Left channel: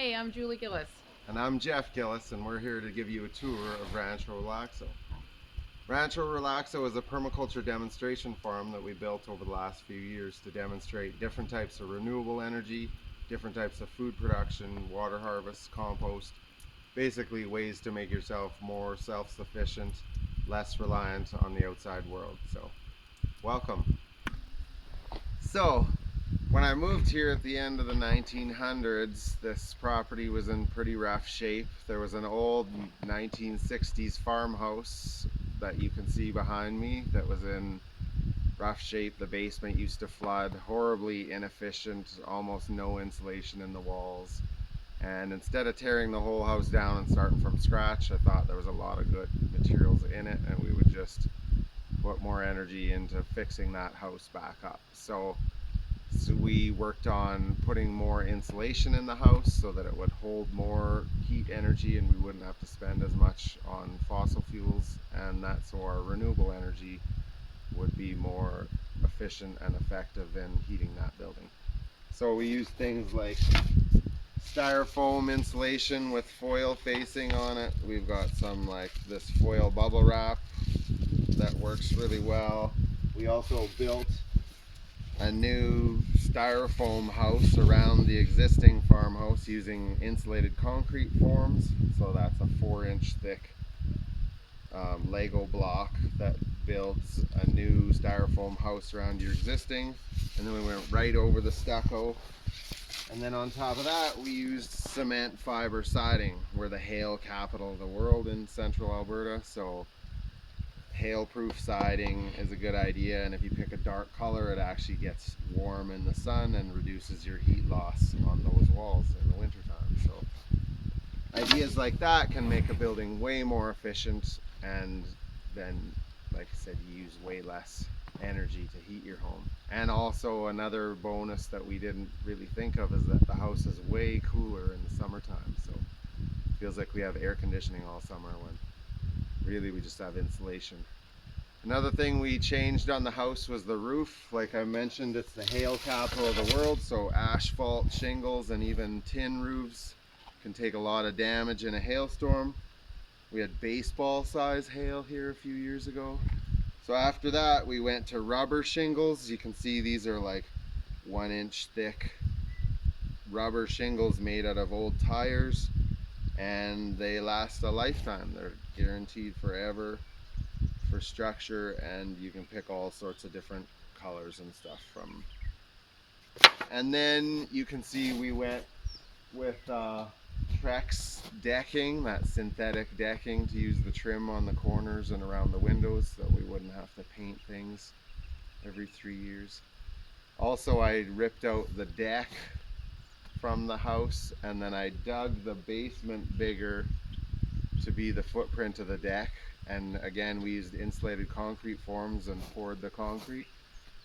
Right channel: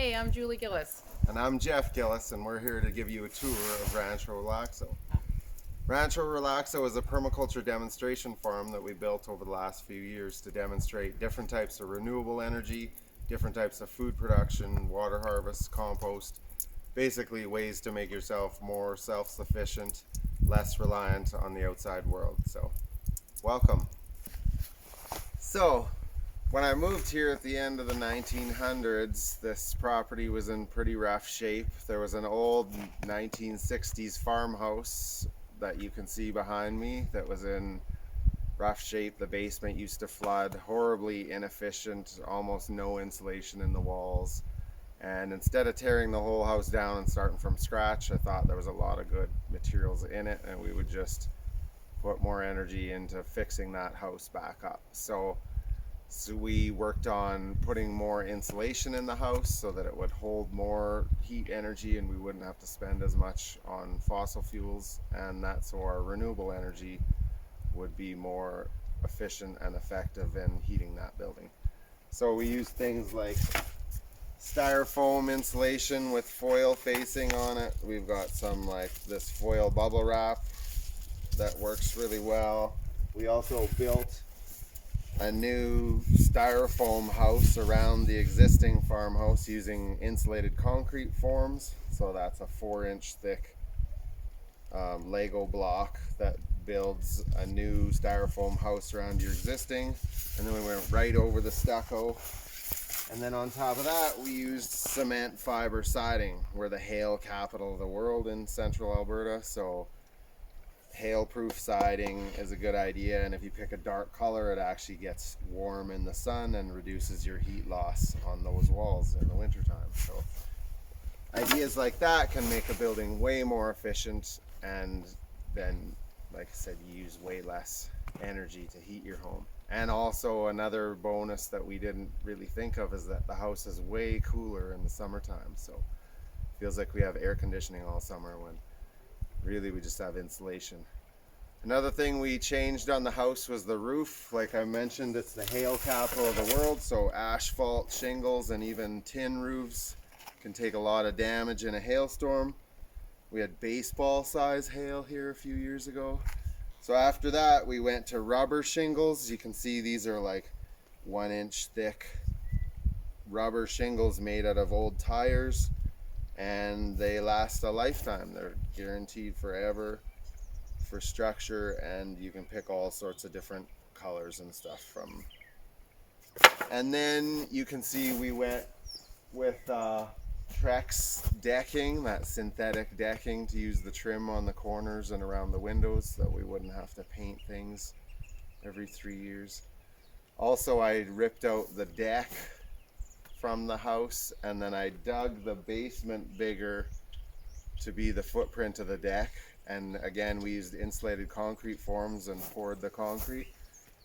Hey, I'm Julie Gillis. And I'm Jeff Gillis, and we're here to give you a tour of Rancho Relaxo. Rancho Relaxo is a permaculture demonstration farm that we built over the last few years to demonstrate different types of renewable energy, different types of food production, water harvest, compost, basically ways to make yourself more self-sufficient, less reliant on the outside world. So, welcome. So, when I moved here at the end of the 1900s, this property was in pretty rough shape. There was an old 1960s farmhouse that you can see behind me that was in rough shape. The basement used to flood, horribly inefficient, almost no insulation in the walls. And instead of tearing the whole house down and starting from scratch, I thought there was a lot of good materials in it, and we would just put more energy into fixing that house back up. So we worked on putting more insulation in the house so that it would hold more heat energy and we wouldn't have to spend as much on fossil fuels, and that so our renewable energy would be more efficient and effective in heating that building. So we used things like styrofoam insulation with foil facing on it. We've got some like this foil bubble wrap that works really well. We also built a new styrofoam house around the existing farmhouse using insulated concrete forms. So that's a 4-inch thick Lego block that builds a new styrofoam house around your existing. And then we went right over the stucco. And then on top of that, we used cement fiber siding. We're the hail capital of the world in central Alberta. So hail-proof siding is a good idea, and if you pick a dark color, it actually gets warm in the sun and reduces your heat loss on those walls in the wintertime. So ideas like that can make a building way more efficient, and then, like I said, you use way less energy to heat your home. And also another bonus that we didn't really think of is that the house is way cooler in the summertime, so it feels like we have air conditioning all summer when really we just have insulation. Another thing we changed on the house was the roof. Like I mentioned, it's the hail capital of the world, so asphalt, shingles, and even tin roofs can take a lot of damage in a hailstorm. We had baseball size hail here a few years ago. So after that, we went to rubber shingles. You can see these are like 1-inch thick rubber shingles made out of old tires, and they last a lifetime. They're guaranteed forever for structure, and you can pick all sorts of different colors and stuff from. And then you can see we went with Trex decking, that synthetic decking, to use the trim on the corners and around the windows so that we wouldn't have to paint things every 3 years. Also, I ripped out the deck from the house, and then I dug the basement bigger to be the footprint of the deck. And again, we used insulated concrete forms and poured the concrete.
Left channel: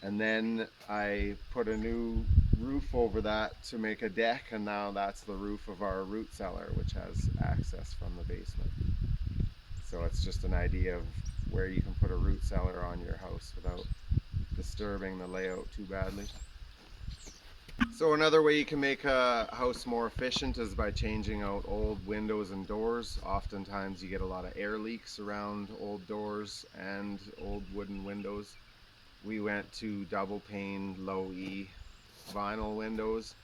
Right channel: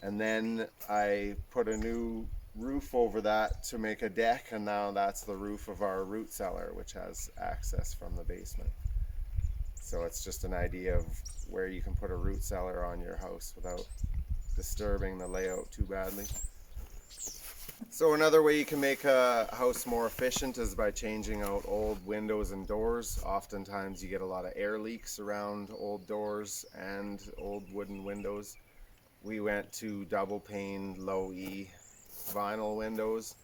And then I put a new roof over that to make a deck, and now that's the roof of our root cellar, which has access from the basement. So it's just an idea of where you can put a root cellar on your house without disturbing the layout too badly. So another way you can make a house more efficient is by changing out old windows and doors. Oftentimes you get a lot of air leaks around old doors and old wooden windows. We went to double pane low E vinyl windows,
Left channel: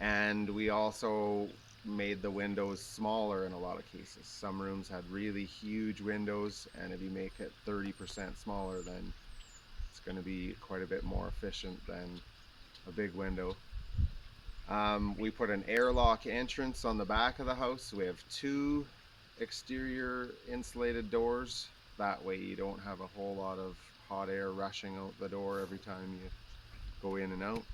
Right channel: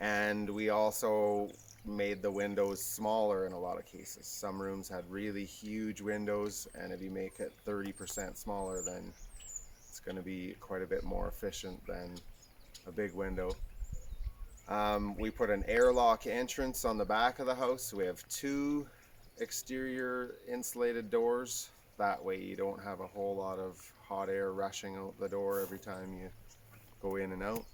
and we also made the windows smaller in a lot of cases. Some rooms had really huge windows, and if you make it 30% smaller, then it's going to be quite a bit more efficient than a big window. We put an airlock entrance on the back of the house. So we have 2 exterior insulated doors. That way you don't have a whole lot of hot air rushing out the door every time you go in and out.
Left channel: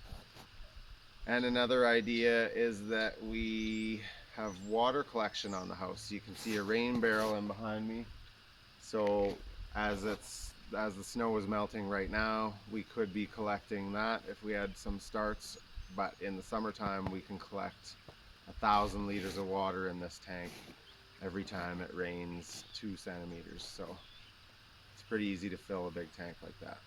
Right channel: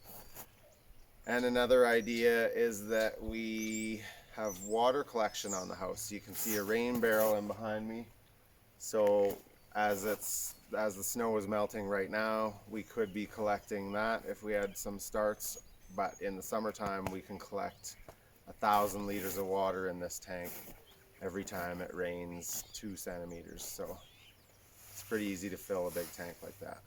And another idea is that we have water collection on the house. You can see a rain barrel in behind me. So as the snow is melting right now, we could be collecting that if we had some starts. But in the summertime, we can collect 1,000 liters of water in this tank every time it rains 2 centimeters. So it's pretty easy to fill a big tank like that.